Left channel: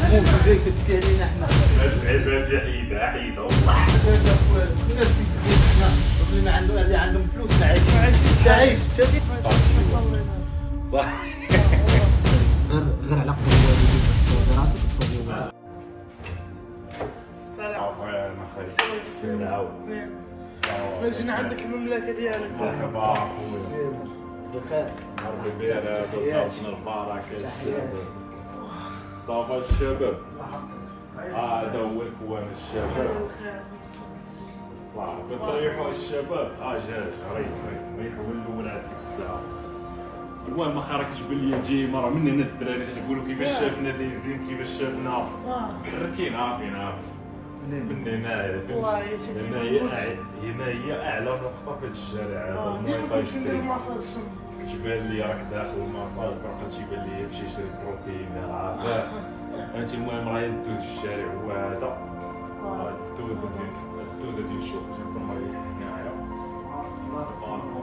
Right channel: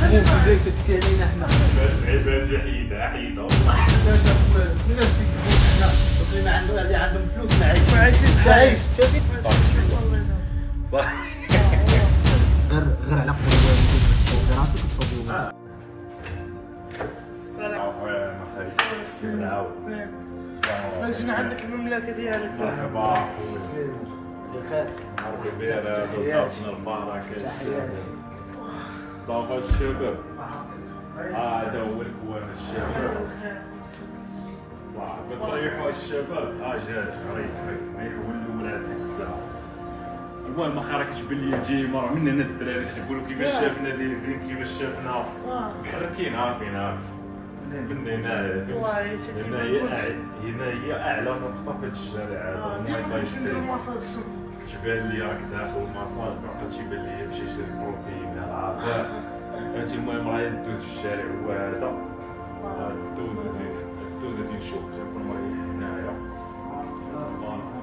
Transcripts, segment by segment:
تموت وجاي كتبكي علينا حنا. العباد حيدة والله. الناس كيكذبوا حنا اللي ما عندهم اللي عندهم فلوس ما عايشين. انت عايش صح. غير على قدر الوالدين باش تصوبي راسك وتصوبي عفوا خير نعاود. جينا عندك المملكه ديالك. مرحبا خويا. بخير. مرحبا بيا دوزنا المراكش. صافا الشباب. هذا هو الكوان الشباب. صح بتريحوا الشباب. جاي ريحوا الولاد ديك الساعه. المهم اخي راك تبان لي تجي مره من هنا الدراري تقولوا كيفاش شافنا دايزين كيفاش شافنا محركين عارفين من هنايا هنا هي اعلى نقطه في هذا الشارع هذا الماي ستريت. تبان لي راك داخل المساج باقي تيبان لي يمشي يشري بروتين العصير انت. المهم راهي دوز في الشارع هو هذا دوز نشوف تنكون مريح هنايا باركو.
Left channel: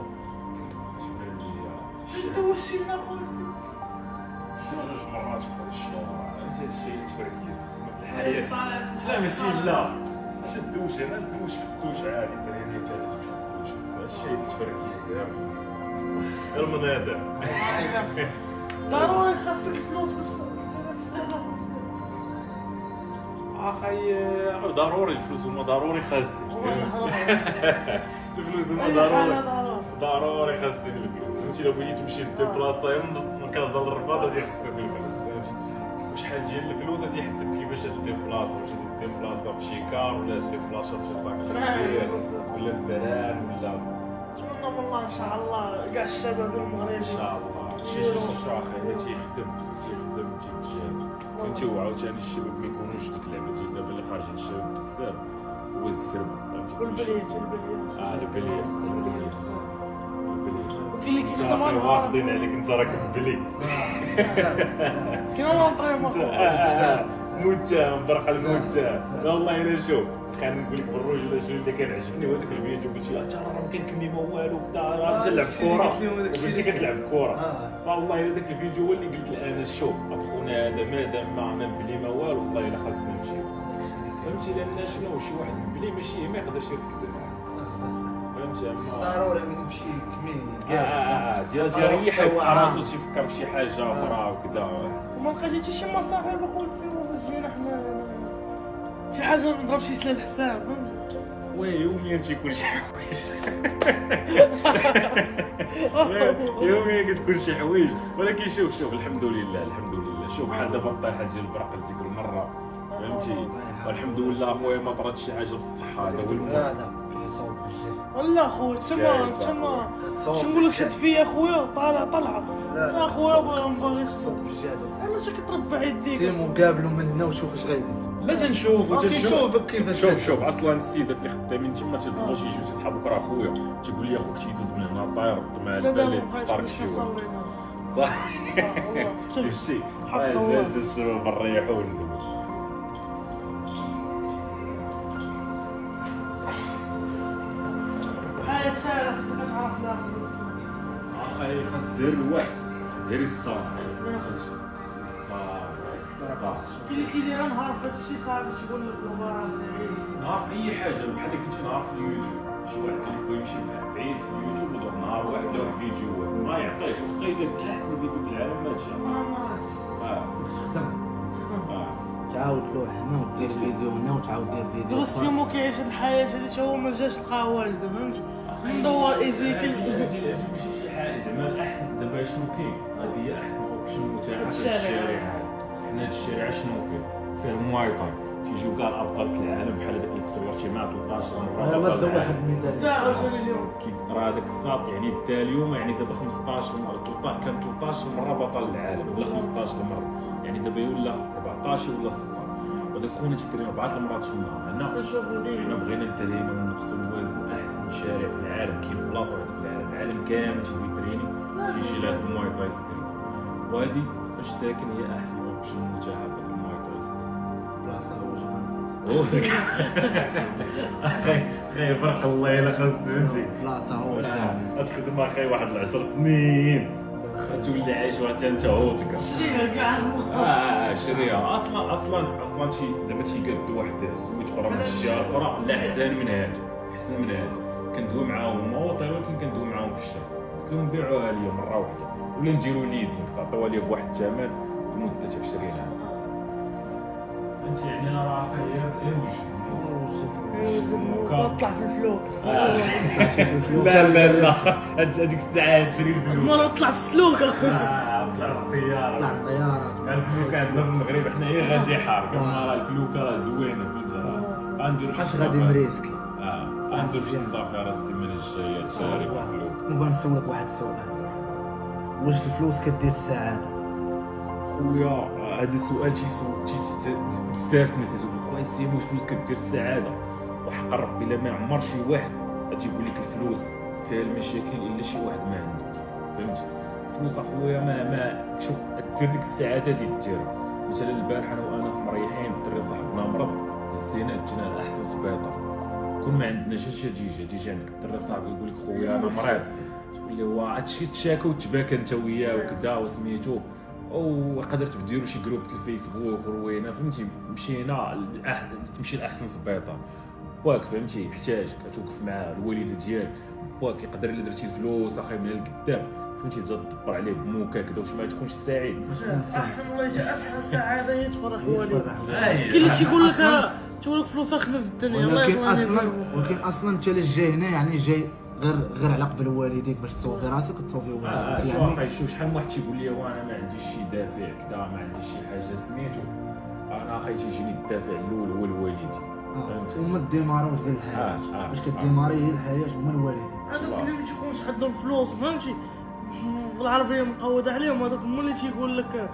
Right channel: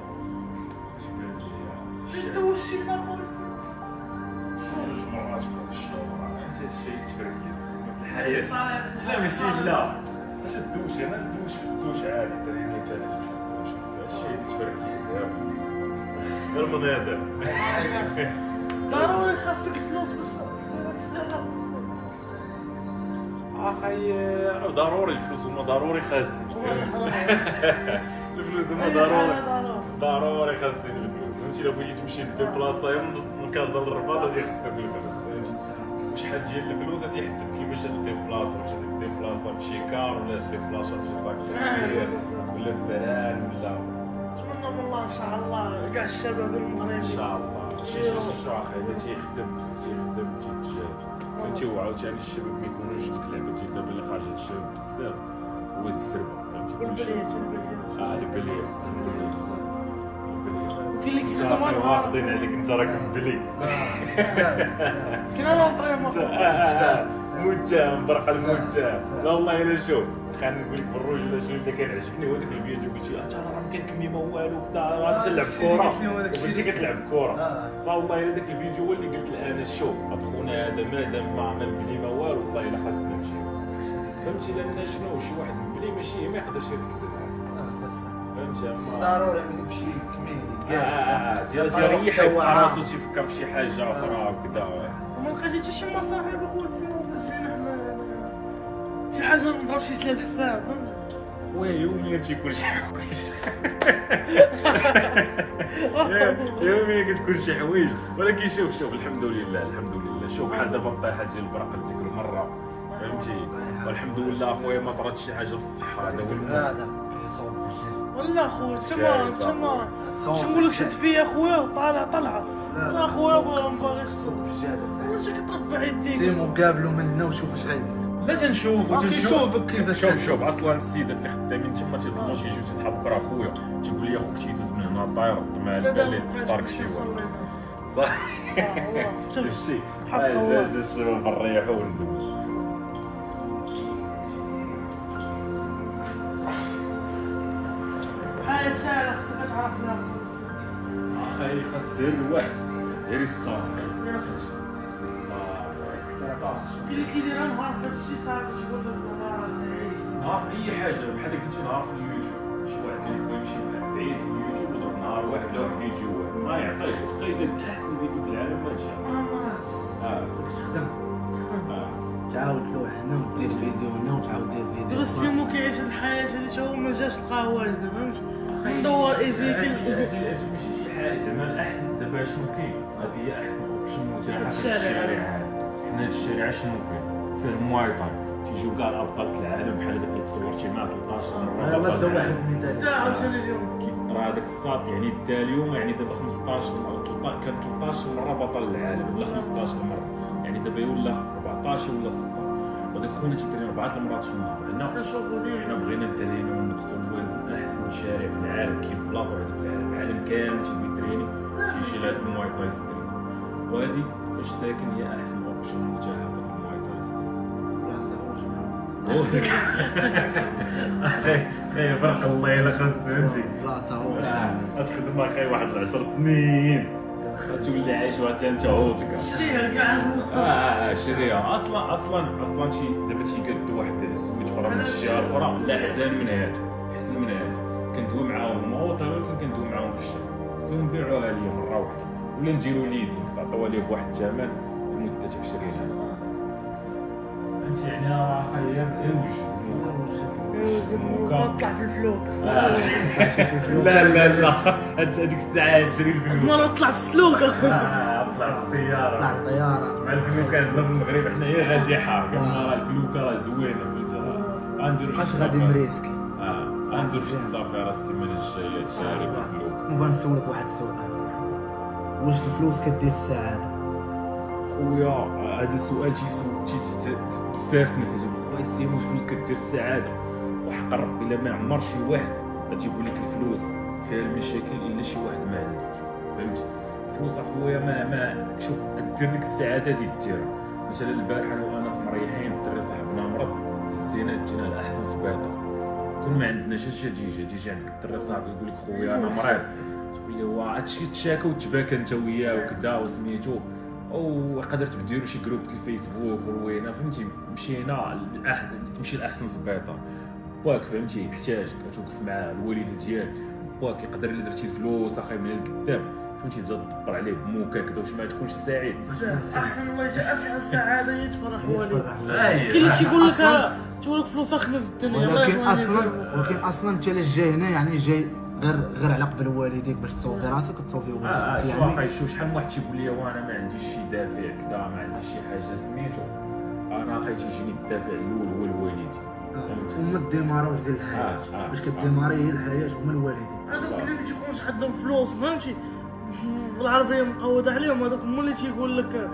انت واش لنا خويا جوج مرات في الشهور انت الشيء تفركيز في الحياه. لا ماشي لا اش الدوش انا ندوش في الدوش عادي تريني حتى تمشي الدوش الشيء تفركيز غير من هذا. ضروري خاصك الفلوس باش اخي ضروري الفلوس هما ضروري خازين. الفلوس هما ضروري خازين الفلوس. فهمتي لو بغيتي تمشي ديبلاصا من كازا للرباط غادي خصك الفلوس. فهمتي وشحال ديال الفلوس تيحدد كيفاش ديبلاصا واش ديبلاصا بشي كار ولا ديبلاصا بشي طاكسي كبير ولا في دران ولا. نتمنى من الله ان شاء الله كاع الشباب المغربي ان شاء الله شي شخص اللي تيخدم تيتجاهل. فهمتي وعاوتاني الشباب ما يكونوش ديك اللعبه ديال دابا اللي خارجه للشباب بزاف هو الزربه. فهمتي والبليات البليات وكاين اللي كيخدم انت انا واخدين عليك انت راك بلي. كاين لونطريمون متهم برق المتهم. لا والله الا شوف خلينا نقول لك بالرجوله شنو اللي كان عجبني هو ديك الفيديو قلتي راه ما كنكمي ما والو وكذا راه تلعب كره وانت كتلعب كره. فوالله الا داك الفيديو هو اللي قلت انا شوف خونا هذا مادام ما بلي ما والو والله الا خاصني نمشي. فهمتي لان شنو شي واحد بلي ماشي ما يقدرش يركز معاه. فهمتي ضروري يمشي كمين ديال يريح راسو تيفكر في شي حاجه اخرى وكذا. وما لقيتي حتى شي مصاحب اخويا السيمو باش جينا حنا شي حاجه نضرب شي سلال الحساب فهمتي. خويا يوميا تيكون شي حوايج. يوميا كتكون شي حوايج ولكن شوف الحمد لله شوف بحال دابا الطيحه ديال البراق ديك المره فهمتي. والحمد لله خويا ما طرات شي حاجه في الصحه هذا هو هذا كيصوب بالجهل. والله خويا تما باش نقول لك شد فيا خويا طالعه لا خويا ما باغيش صوب بالجهل. والله شي كتربع يديك سيمو قابلو من هنا وشوف اش غايدير. لا تنشوف كيشوفك كيفاش شوف اصلا السيدات اللي خدامين تما تيطلبوا شي جوج صحابك راه خويا تيقول لي اخوك تيدوز من هنا طاير مع الباليس طارك شي واحد صح. والله شفتي حق الله جا الشباب نريحو وندوز. هاي ساهله خصك تعرف لها اخي خاص دير الواحد ديري ستار كاين اللي كيدير نهار في هادشي صافي تيقول لك دابا راه نهار في اي حاجه بحال قلتي نهار في اليوتيوب شي واحد كان يبغي يمشي بعيد في اليوتيوب وضرب نهار واحد لوح فيديو ما يعطيش وخا يدير احسن فيديو في العالم ما جا. تخدم تعاود لوح هنا ودير فيديو هنا وتعاود دير فيديو. السيمو كيعيش هاد الحياه هادي تا هو ما جاش لقى واجد فهمتي. ندور ايزيكل هادي ماشي شي حاجه زعما الاحسن دابا شنو كاين هادي هي احسن اوبشن متاح في الشارع. حنا الشارع شنو فيه المواي تاي تيجيو كاع الابطال العالم بحال هذاك اللي تصورتي معاه 13 مره بطل واحد من ذلك دا عاوتاني اليوم راه هذاك السطات يعني دا اليوم يعني دابا 15 كان 13 مره بطل العالم ولا 15 مره يعني دابا ولا 14 ولا 16 وداك خونا تيترين 4 المرات في النهار. هنا كنشوفو ديما حنا بغينا ندرينو ونقصو الوزن احسن شارع في العالم كيف بلاصه وحده في العالم كامل تيبغي يتريني تيجي لهاد المواي تاي ستريت وهادي فاش ساكن هي احسن اوبشن متاحه في المواي تاي ستريت. بلاصه هو هو ديك اخي فرح الله الا خاص فهمتي بلاصه هو تخدم اخي واحد 10 سنين تولي عايش واحد انت عوتك. شريها كاع شريها اصلا شي دابا تيقاد واحد الزوج اخرى من الجهه الاخرى لا احسن من هذا، احسن من هذا. كندوي معاهم موطي ولكن كندوي معاهم في الشهر، كنبيعوها ليا مره واحده ولا نديرو ليزينغ تعطيوها ليا بواحد الثمن لمده 20 عام. انت يعني راه خير وطلع في الفلوك. لا هذيك الساعه تشري الفلوس. مرة طلع في السلوكة. طلع الطياره. طلع الطياره مع الفلوكه عندنا في المغرب حنايا غادي حار، كما الفلوكه زوينه فهمت. غنديرو شي غادي مريسكي. غنديرو شي صافي راه السيمانه الجايه تشاري بالفلوك. نبغى نسولك واحد السؤال، واش الفلوس كدير السعاده؟ خويا هذا سؤال بزاف الناس يقولوا خويا سيمو الفلوس كدير السعاده، وحق ربي لا ما عمر شي واحد غادي يقول لك الفلوس فيها المشاكل الا شي واحد ما عندوش فهمتي. الفلوس اخويا ما شوف دير ديك السعاده ديرها. مثلا البارح انا وانس مريحين الدري صاحبنا مرض هزينا دينا لاحسن سبيطار، كون ما عندناش اش تيجي عندك الدري صاحبي يقول لك خويا انا مريض، تقول له واه هادشي تشاكى وتباكى انت وياه وكذا وسميتو، او قدرت ديروا شي جروب في الفيسبوك روينا فهمتي. مشينا تمشي لاحسن سبيطار باك فهمتي، يحتاجك توقف مع الوالده ديالك باك، يقدر الا درتي الفلوس اخي من القدام فهمتي تبدا تدبر عليه بموكا كذا واش ما تكونش سعيد. احسن الله يجي احسن السعاده هي تفرح والديك. أي. كاين اللي تيقول لك فلوس اخنز الدنيا الله ولكن اصلا انت اللي جاي هنا يعني جاي غير على قبل والديك باش تصوفي راسك تصوفي والديك يعني شوف شحال من واحد تيقول لي وانا ما عنديش شي دافع كذا ما عنديش شي حاجه سميتو، انا اخي تيجيني الدافع الاول هو الوالدين فهمتي. هما الديمارة ديال الحياه باش كديماري هي الحياه هما الوالدين. هذوك اللي ما تيكونش عندهم فلوس فهمتي بالعربيه مقوده عليهم، هذوك هما اللي تيقول لك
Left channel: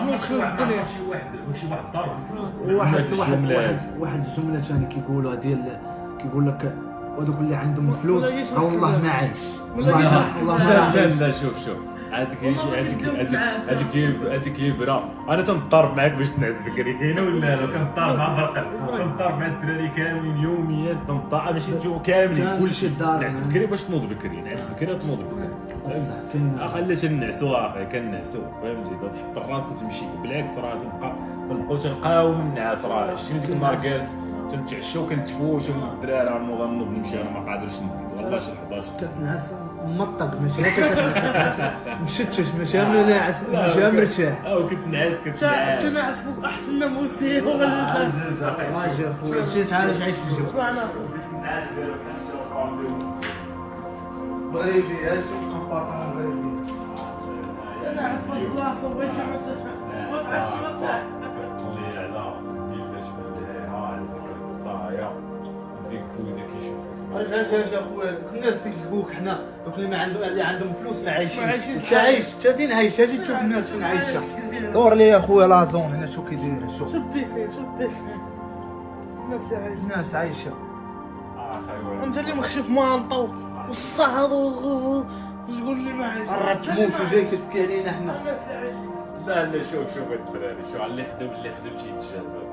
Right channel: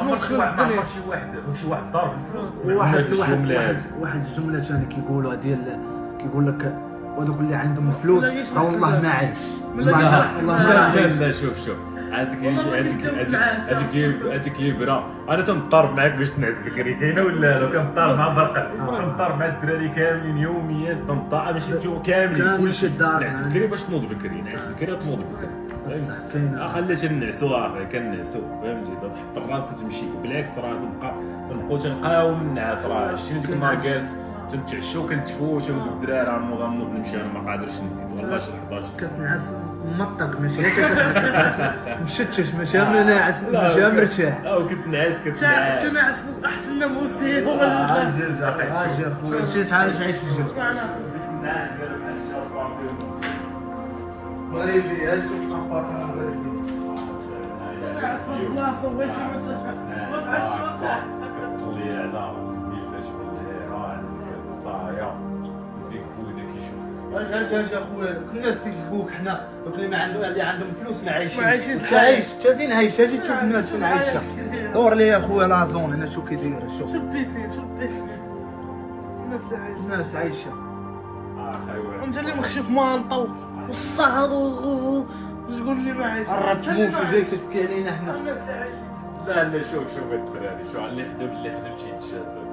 فلوس خلص الدنيا. شي واحد ضارب الفلوس. واحد الجمله ثاني كيقولوها ديال كيقول لك وهذوك اللي عندهم الفلوس راه والله ما عايش والله لا شوف هذيك يبرا انا تنضرب معاك باش تنعس بكري كاينه ولا لا؟ كنضرب مع برقل كنضرب مع الدراري كاملين يوميا تنضرب ماشي نجيو كاملين كلشي نعس بكري باش تنوض بكري، نعس بكري وتنوض بكري بصح كاينه خليت نعسو اخي كنعسو فهمتي تحط الراس تمشي بالعكس راه تنبقاو تنقاو من النعاس راه شتي ديك النهار جالس تنتعشاو كنتفوتو الدراري نوض نمشي انا ما قادرش نزيد والله شي 11 كتنعس مطق ماشي كتنعس مشتش ماشي ناعس ماشي مرتاح كنعس فوق احسن ناموسي اجي اخويا شي تعالج عيش الجو مغربي هاي شوف كنبارطا مغربي كنعس في البلاصه باش ما فيهاش مرتاح طلي على كيفاش بالها طايا فيك بودا كيشوفك اجي اخويا دوك الناس اللي كيقولوك حنا دوك اللي عندهم فلوس ما عايشينش انت عايش انت فين عايش؟ اجي تشوف الناس فين عايشه دور لي اخويا لا زون هنا شو كيدايره شوف بيسين الناس عايشه انت اللي مخشف مانطو والصهد وتقول لي ما عايش راه تموت وجاي كتبكي علينا حنا. الناس اللي عايشين لا شوف الدراري شو اللي خدم تيتجازى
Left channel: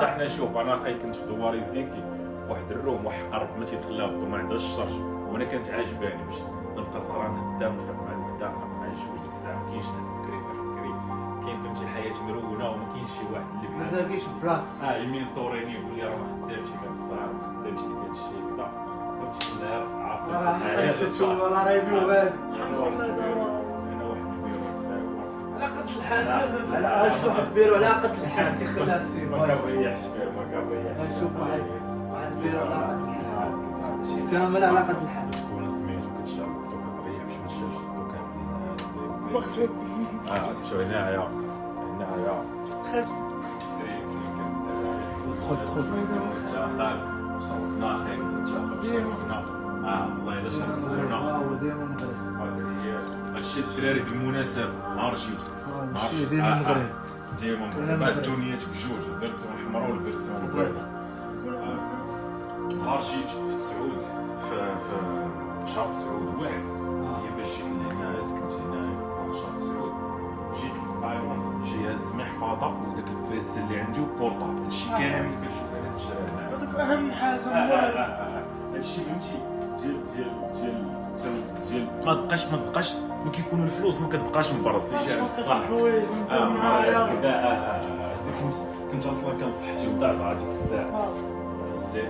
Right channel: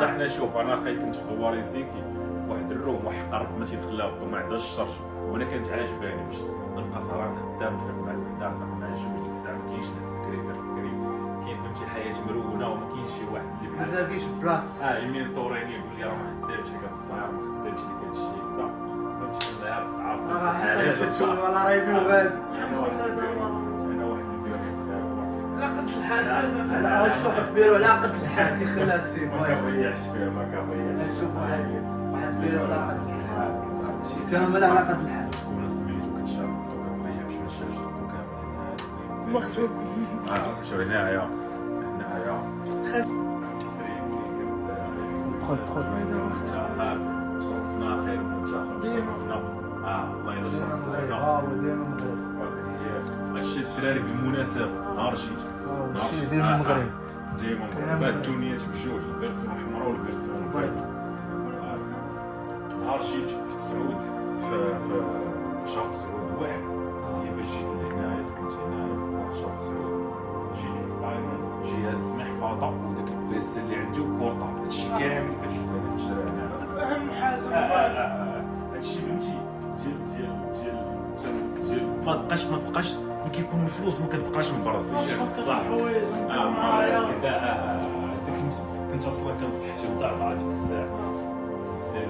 صح. حنا شوف انا اخي كنت في دواري زيكي واحد الروم واحد قرب ما تيدخلها الضو ما عندهاش الشرج وانا كانت عاجباني باش نبقى سهران خدام نفيق مع الوحده نفيق مع الجوج ديك الساعه ما كاينش ناس بكري بكري كاين فهمتي الحياه مرونه وما كاينش شي واحد اللي بحال مازالكيش بلاص يمين طوريني يقول لي راه ما خدامش لك هاد السهر ما خدامش لك هاد الشيء كذا فهمتي النهار عارف شوف ولا راه يبيو غادي انا واحد البيرو صغير على قد الحال على شوف كبير ولا قد الحال كيخليها السيف ما كنضيعش فيه ما كنضيعش شوف واحد كبير ولا قد الحال شي كامل على قد الحال تكون سميتو كتشرب وكتريح باش ما تشربش الضو كامل مقصود شو هنايا دخل صرفنا خير صرفنا والله الا صرفونا هادشي الدراري بالمناسبه نهار شيت ديما المغرب ديما الدنيا بجوج الفيرسيون الحمراء والفيرسيون البيضاء. نهار شيت في تسعود في شهر تسعود واحد هي باش جيت لهنايا سكنت هنايا في شهر تسعود جيت للطايرون جهاز محفظه وداك البيس اللي عندي وبورطابل هادشي كامل كنشوف انا تشرى هنا هذاك اهم حاجه هادشي فهمتي ديال ما تبقاش ملي كيكونوا الفلوس ما كتبقاش مبرز صح حوايج ندير معايا كذا كنت اصلا كانت صحتي مضعضعه ديك الساعه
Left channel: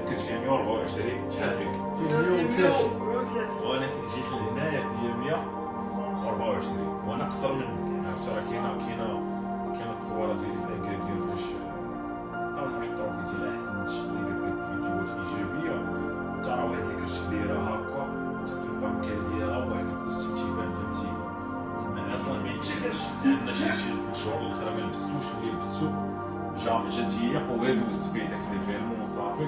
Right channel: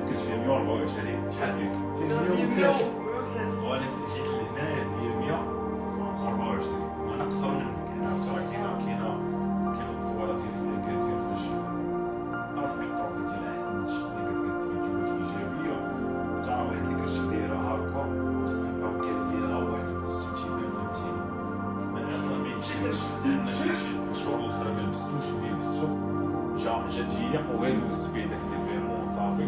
كنت في 124 شحال فيك؟ وانا جيت لهنايا في 124 وانا قصر منك يعني عرفت راه كاينه التصويره ديالي في اكادير فاش طبعا يحطوا في ديال احسن من الشخصيه كتقد فيديوهات ايجابيه تاع واحد اللي كرش دايره هكا والسيبام كديرها وواحد الكوستيم تيبان فهمتي اصلا ما يتشبهش لان شي 3 شهور الاخرى ما لبستوش ويلبسو جات هي وغير دوزت فيه داك ليفيرمون وصافي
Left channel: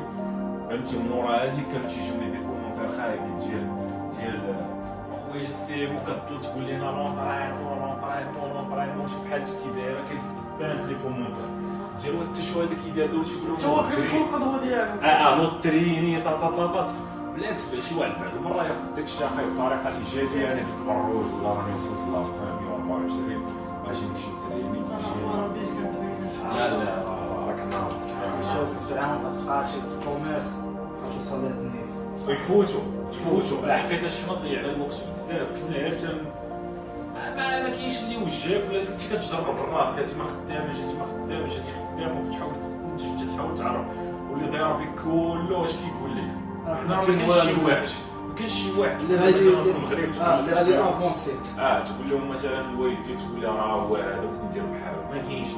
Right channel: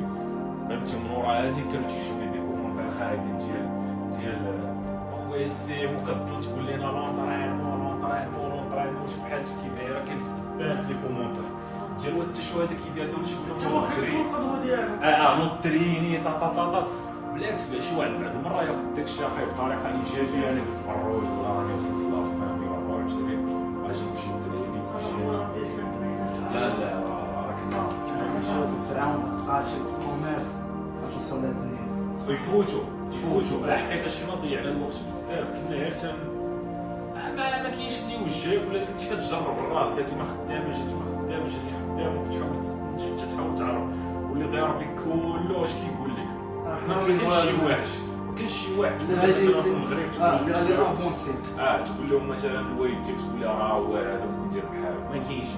فهمتي من ورا هاديك كانوا تيجيوني دي كومونتير خايبين ديال اخويا السيم وكتطل تقول لنا لونطرينمون شوف بحال كي دايره كاين السبان في لي كومونتير ديال حتى شو هذاك كيدير دول يقولوا القدوه ديالك نوتريني طاطا بالعكس شي واحد بعد المره ياخذ داك الشيء بطريقه ايجابيه انا بالتبرج ولا راني وصلت لافان 124 اجي نمشي نتريني لا راك نار في عام تلقى شي في الكوميرس غتوصل لهاد النيفو يفوتوا حقيقه حنا ضيعنا الوقت بزاف كنا غير ما كاينش اللي وجهك ولا كنتي كتجرب راسك هادي ما خدامش هادي خدامه وكتحاول تحاول تعرف واللي ضارب بك كله واش كيقول لك حنا ما كاينش شي واحد مثلا في المغرب تقول لهم مثلا الوالدتك تقول لها راه هو هذا بغيت ندير بحالو ما كاينش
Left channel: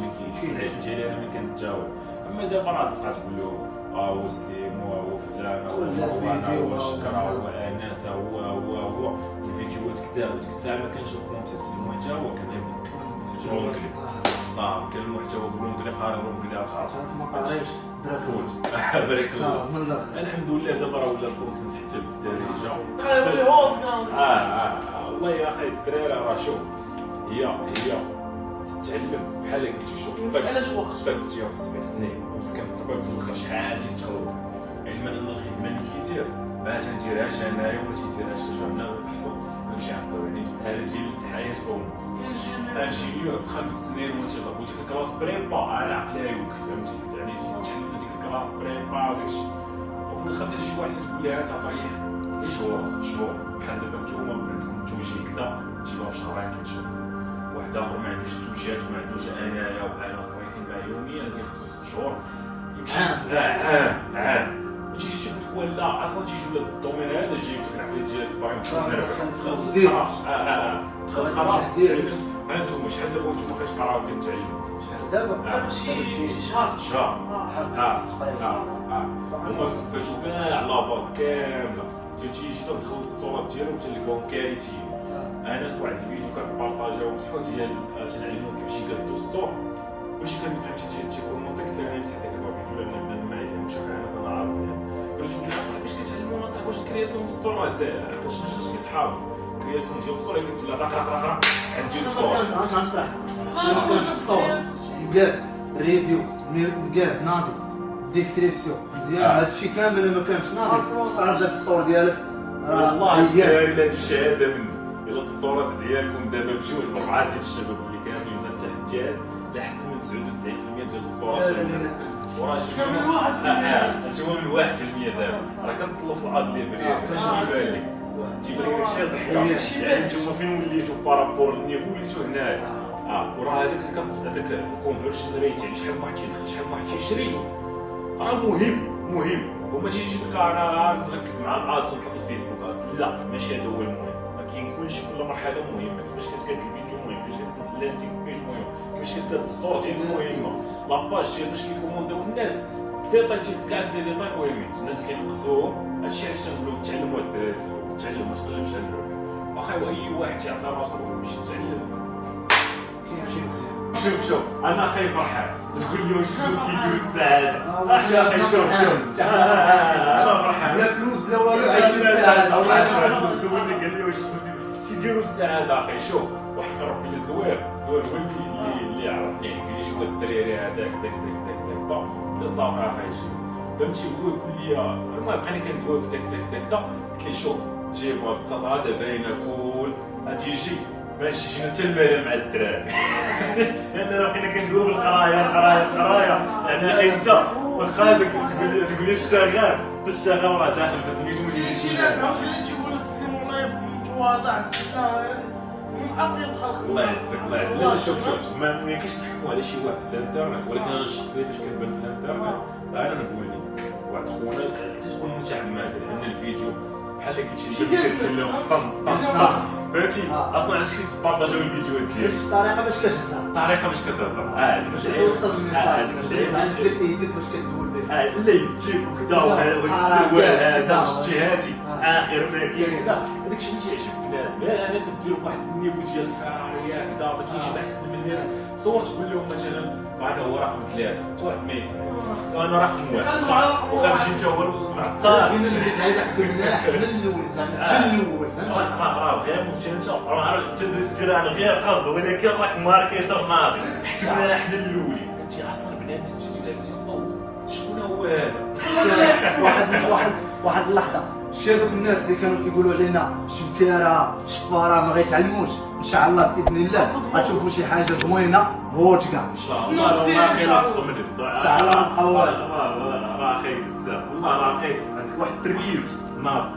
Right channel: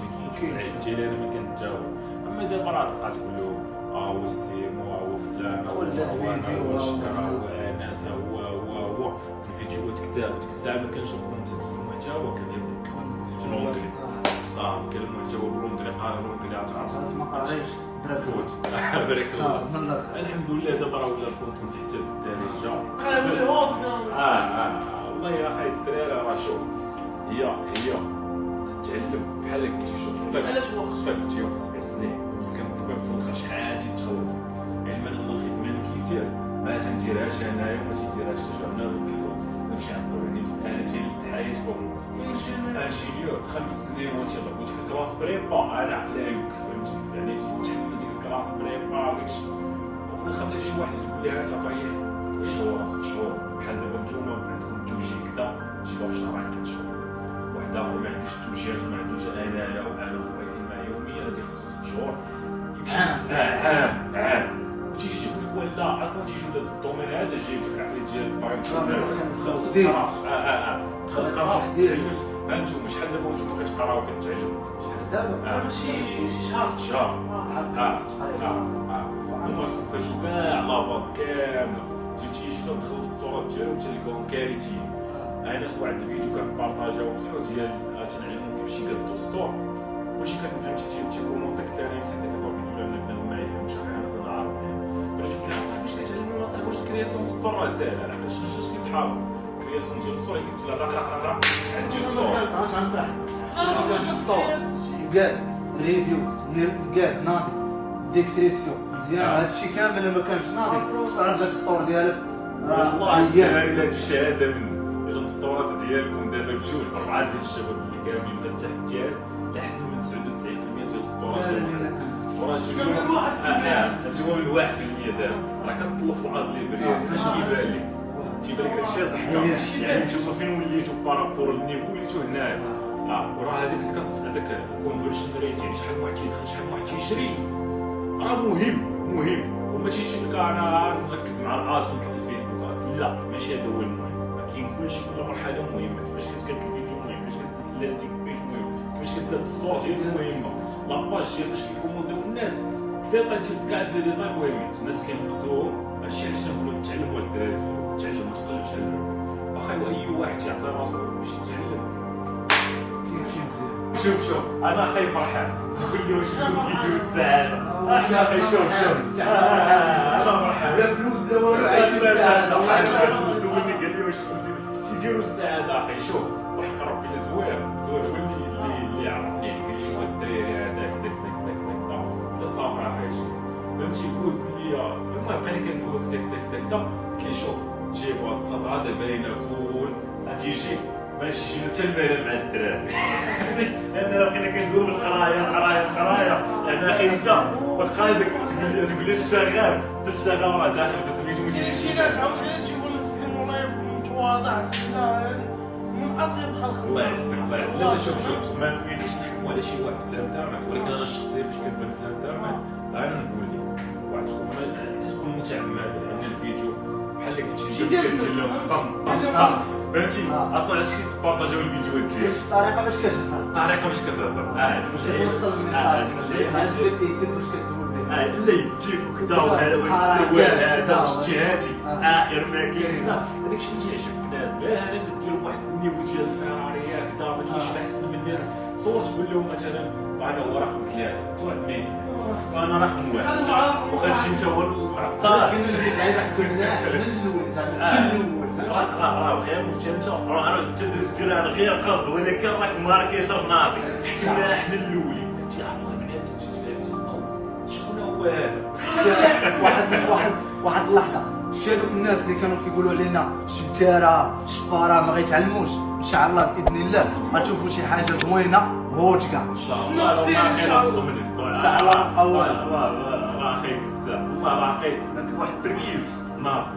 في العيد ديالي انا ما كنتجاوب اما دابا راه تبقى تقول له هو السيم هو فلان هو شكرا هو انس هو الفيديوهات كثار وديك الساعه ما كانش الكونتنت المحتوى كان برونكلي صافي كان المحتوى برونكلي قارن برونكلي تعرف ما قاريش فوت بارك الله الحمد لله دابا راه ولا الكونتنت حتى بالدارجه والله يا اخي الدراري راه شوف هي تتعلم بحال قلتي شوف علاش وقت كنت 7 سنين مسكين الطبيب في الاخر شحال تخلص علما ان الخدمه اللي كيدير ما تنديرهاش انايا وما تيديرهاش حتى شي بنادم تحصل نمشي عند الطبيب يعني مساله ديال الحياه او انجينيور 5 سنين وتضرب وديك الكلاس بريبا انا عقلها يوقف فهمتي يعني تتعلم ديك الكلاس بريبا وداكشي وفي الاخر تجي شي واحد تقول لها انت تريح غير شهور 6 شهور بحال دابا نتوما عندكم التوجيه كذا تجيبها في شهرين 3 شهور واحد اخر ما عندوش التوجيهات وما عندوش انايا وانا صريحين مع يوميا غادي خصو 6 شهور يمشي عام تيجي تقول لك ولا اصلا تيجي ولا الدومين هذا جايب لك العقليه ديالك باغي تخلق انتم شحال دابا نتوما كتقراو كتعلموا دابا شي شهر هما فاتوا كاع لاباز كامله تيجي تدخل السطورات ديالهم تلقاهم كارثيين انا واحد الفيديو كنبارطاجيو مسحوط ديال تنعلمو كيفاش يقادو ستور كلشي كان فهمتي تيبرومونتك تلاقي مسح داك الفيديو لان بنادم ما يفهمش انا عارف قلت له علاش كتعلموا اصاحبي واش الكرياسيون ستور راه ساهله حيت شنو كي صحابو الكرياسيون ديال ستور كنت لا راه عندي ستور كاع ريفيو كاع ناضي ديسكريبسيون مزيان هادشي كامل ما كانش ناضي صعب داك السطور ديالك والله الدراري لا هادشي شهاده مني الا السطورات ديالكم دابا بجوج بربعه ديال الشباب اللي كاملين في التحديات لا احسن من 99% ديال السطورات وراه جوا من 1% دابا راه كتطلب في العاد ليبرير باش كيبان لك تيبان لك داكشي ضحكه يعني نتوما فين وليتو بارابور النيفو وليتو هنايا وراه هذاك هذاك الكونفرشن ريت يعني شحال واحد تيدخل شحال واحد تيشري راه مهم وما تيجيش لك انا نركز مع الادز ونطلق الفيسبوك لا ماشي هذا هو المهم كاين كلشي كل مرحله مهمه كيفاش كتقاد الفيديو مهم كيفاش كتقاد اللاندينغ بيج مهم كيفاش كتقاد الستور ديالك مهمه لاباج ديال فاش كيكومونديو الناس ديتاي ديال كاع ديتاي مهمين الناس كينقصوهم هادشي علاش نقول لهم تعلموا الدراري تعلموا ما تقلبش على الدراري واخا اي واحد يعطي راسو باش يتعلم كيمشي مزيان شوف انا اخي فرحان تقول لي واش فيديو السعاده اخي شوف انا فرحان لا فلوس لا والو عايش السعاده سولني قال لي واش فلوس تيديروا السعاده اخي شوف وحق ربي الزوير هو اللي عرفني قال لي شوف الدراري هذاك داك صافي اخي فهمتي هو يقول لي المهم بقينا كندويو داك قلت لي شوف جيبوا هاد السطر هذا باينه كول غتيجي ماشي شنو حتى المال مع الدراري. لان راه بقينا كندويو بالقرايه انا اخي انت واخا تقول لي الشغال حتى الشغال راه داخل بس ما يجيش شي ناس عاوتاني تيقول لك السيم والله متواضع من اطيب خلق الله يعزك الله يعزك. لا شوف ما يمكنش نحكموا على شي واحد في الانترنت، ولكن انا الشخصيه باش كنبان في الانترنت انا نقول لك واحد خونا تكون متعمد لان الفيديو بحال اللي قلتي انت كدير لهم طم فهمتي اصلا علاش كيبارطاجيو الفيديوهات ديالك الطريقه باش كتهضر الطريقه باش كتهضر باش توصل الميساج عجبك يدك باش كتقول به لا يديك وكذا والسروال هذا واجتهادي اخر ما كاين لا هذاك الشيء اللي تيعجب بنادم. لا انا تدير فواحد النيفو ديال الفراريه كذا ما كاينش احسن من الناس. تصور تقول لهم مثلا انا هو رقم 3 واحد ما يسمع وانا رقم 1 وخرجي انت هو المعطار كاين اللي كيلعب كلنا حنا الاول زعما الاول راه غير انت راه دير غير قصد ولكن راك ماركيتر ناضي حكمنا حنا الاولين فهمتي. اصلا بنات تجي لها شكون هو هذا واحد اللحظه شي هذوك الناس اللي كانوا كيقولوا علينا شكاره شفاره ما غيتعلموش ان شاء الله باذن الله غتشوفوا شي حاجه زوينه هوت كاع ان شاء الله ما خير اصلا من راه خايب بزاف والله راه خايب عندك واحد التركيز ناضي.